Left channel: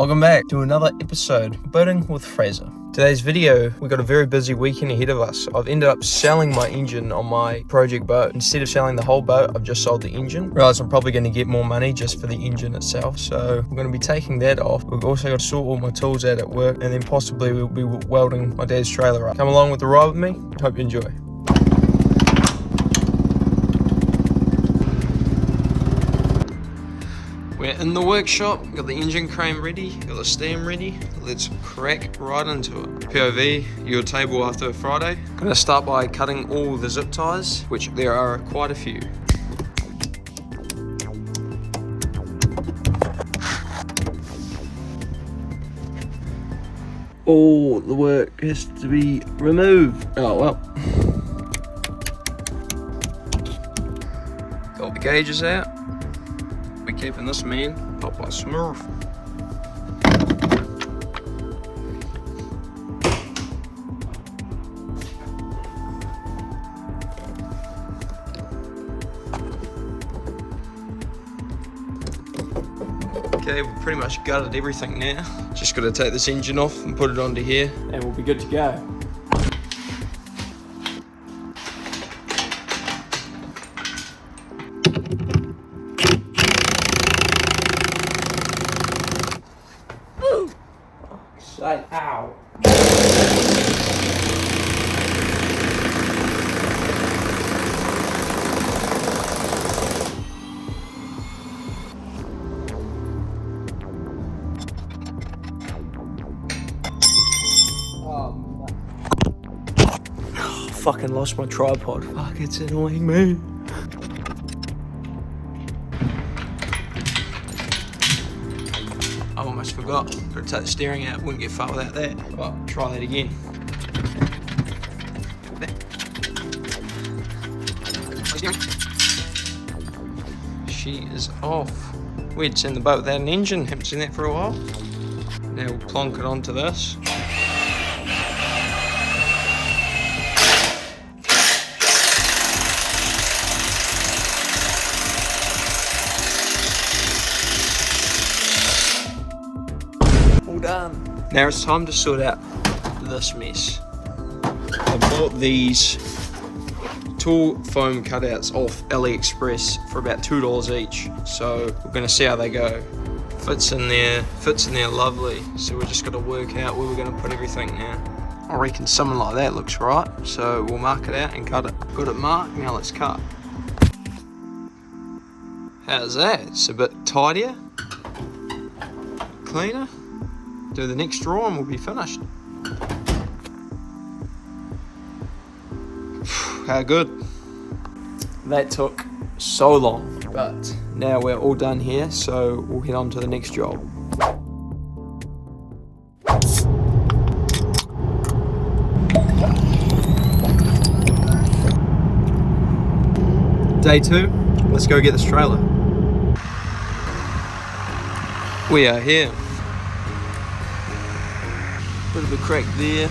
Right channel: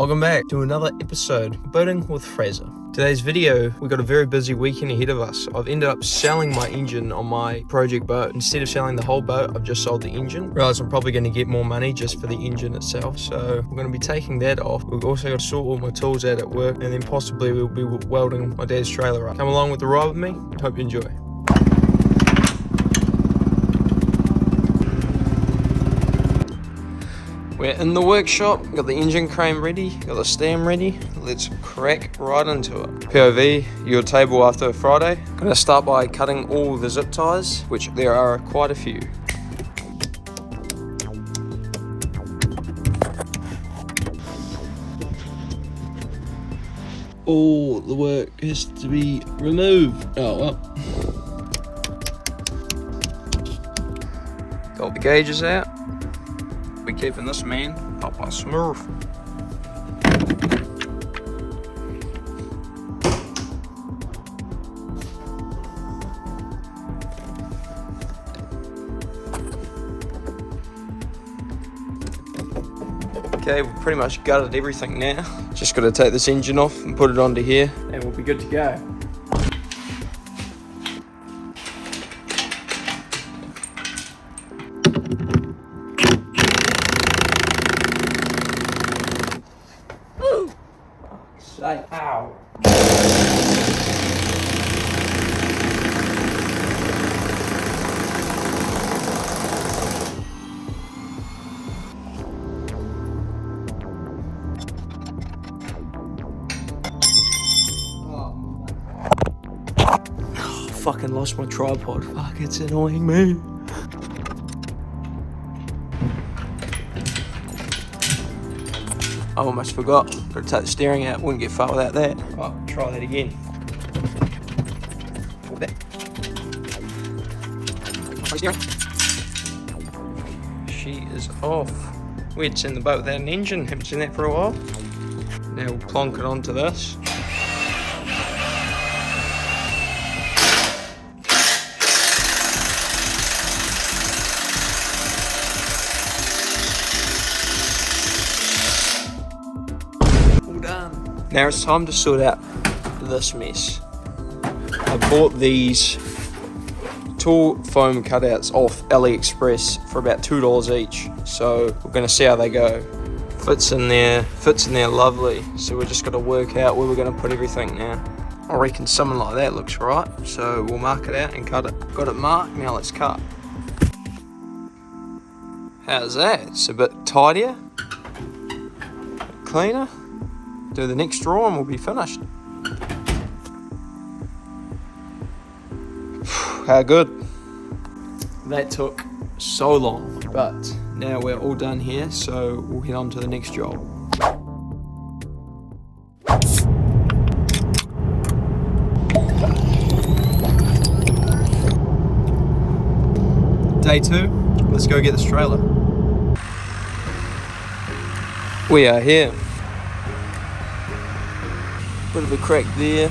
Welcome back to another episode of Boating with Fraser. Today's video, we've got a very busy weekend ahead of us. I've ended up selling my engine on my project boat. Instead of selling the whole boat, I've just sold the engine. Realised I'm probably going to get more money just for the engine itself, so we're going to be taking that off. We've also got to sort all my tools out at work, and then possibly we'll be welding my dad's trailer up. Come along with the ride with me. Hope you enjoy. We're in the workshop, got the engine crane ready, got the stem ready. Let's crack right into it. POV, your table after Friday. I'm gonna start by cutting all the zip ties, which there are quite a few. All the work has to be removed. Oh well. Got the gauges out. Be keeping this man up by smooth. Okay, we've pretty much gutted everything now. Just got to take this engine off and put it onto here, and we'll be good to go. Ow. Fucking lost my tripod. Fuck, it's annoying me. I almost forgot. Gotta take the steering out, wouldn't get far without that. Well, try that again. She is off. We'd seen the boat without an engine, haven't seen that for a while. Now we'll plonk it onto this. Done. Now it's time to sort out this mess. I bought these tool foam cutouts off AliExpress for about $2 each, so we're going to see how they go. Fits in there lovely, so we're just got to work out where we're going to put everything now. I reckon something like that looks right, so we'll mark it out and cut it. Got it marked, now let's cut. How's that? It's a bit tidier, cleaner. Do the next draw and we'll be finished. How good. That took so long, but now we're all done here, so we'll head on to the next job. Day 2, let's go get this trailer. We are here. Bit of a crack there.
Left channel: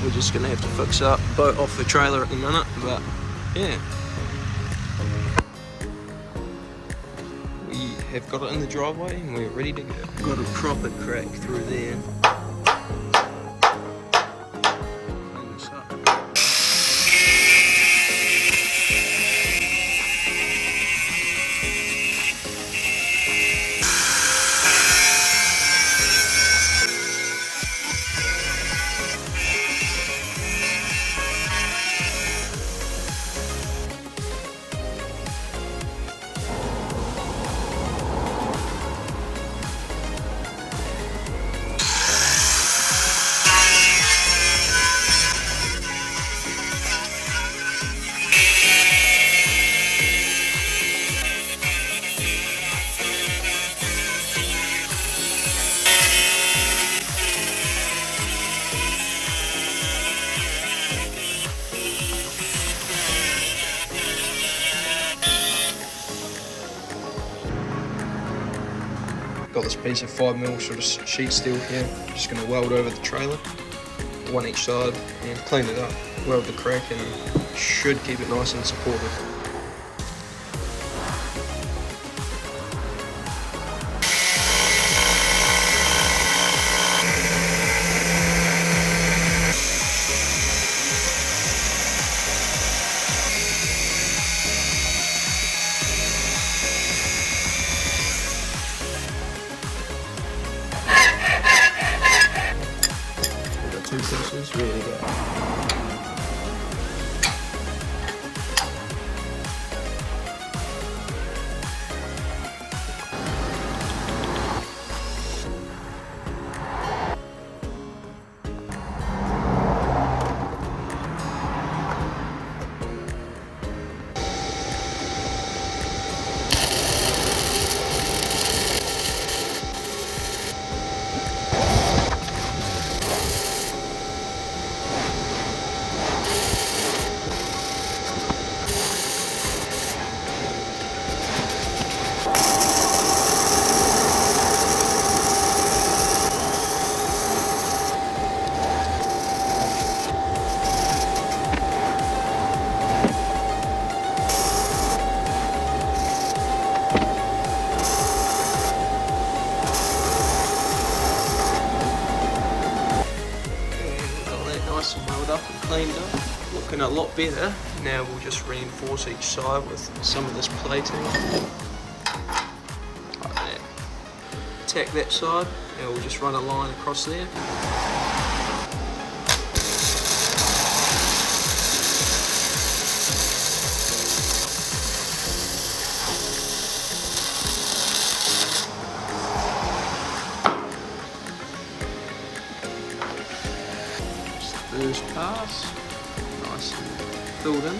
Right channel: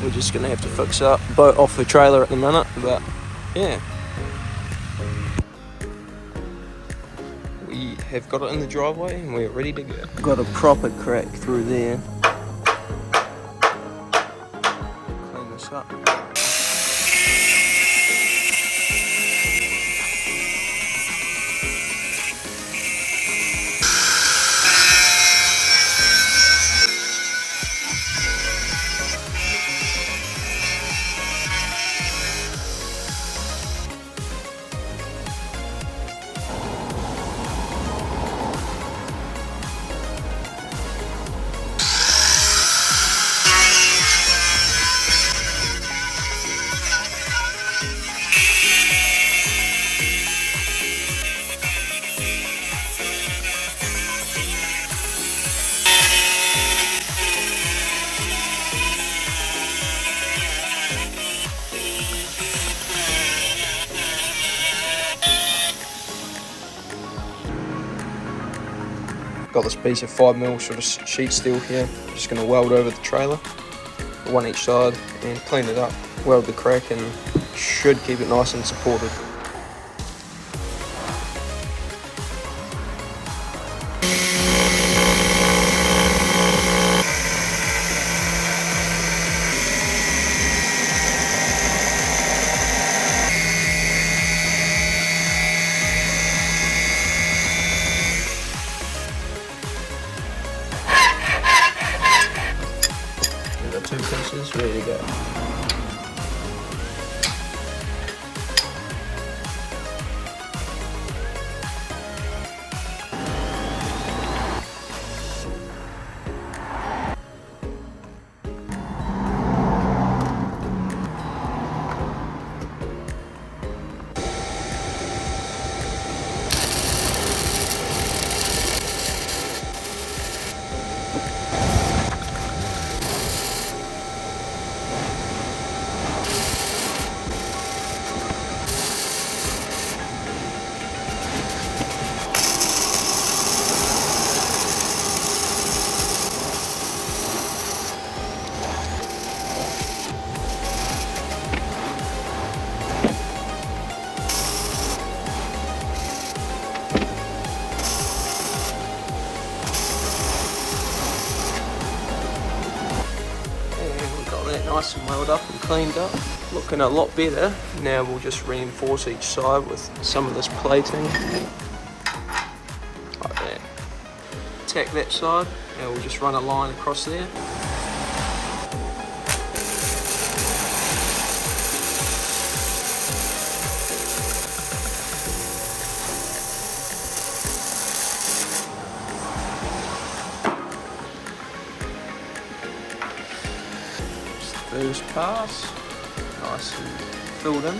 We're just gonna have to fix up. Boat off the trailer at the minute, but yeah. We have got it in the driveway and we're ready to go. Got a proper crack through there. Clean this up. Got this piece of 5mm sort of sheet steel here. Just going to weld over the trailer, one each side, and clean it up. Weld the crack and should keep it nice and supported. 2 pieces, ready to go. Nice and welled up and cleaned up, looking a lot better. Now we'll just reinforce each side with some of this plating, like that. Tack that side, and we'll just run a line across there. First pass, nice and filled in.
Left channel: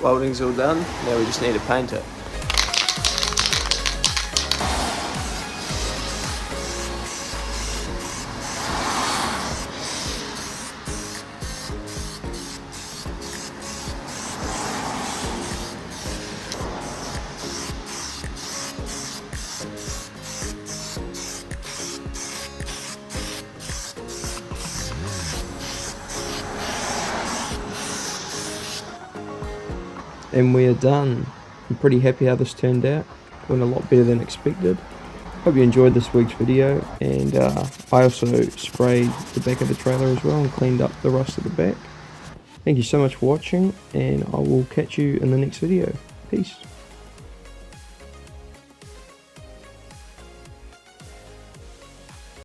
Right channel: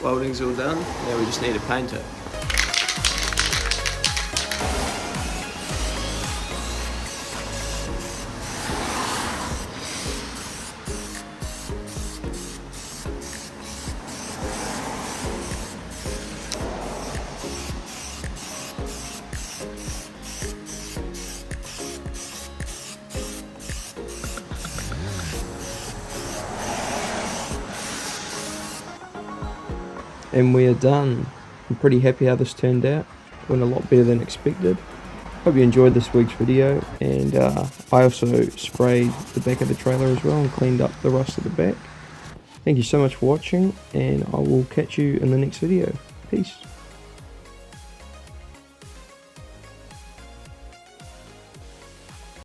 Welding's all done, now we just need to paint it. And we are done. I'm pretty happy how this turned out. Went a lot better than expected. Hope you enjoyed this week's video, and I also sprayed the back of the trailer as well and cleaned up the rust at the back. Thank you so much for watching, and I will catch you in the next video. Peace.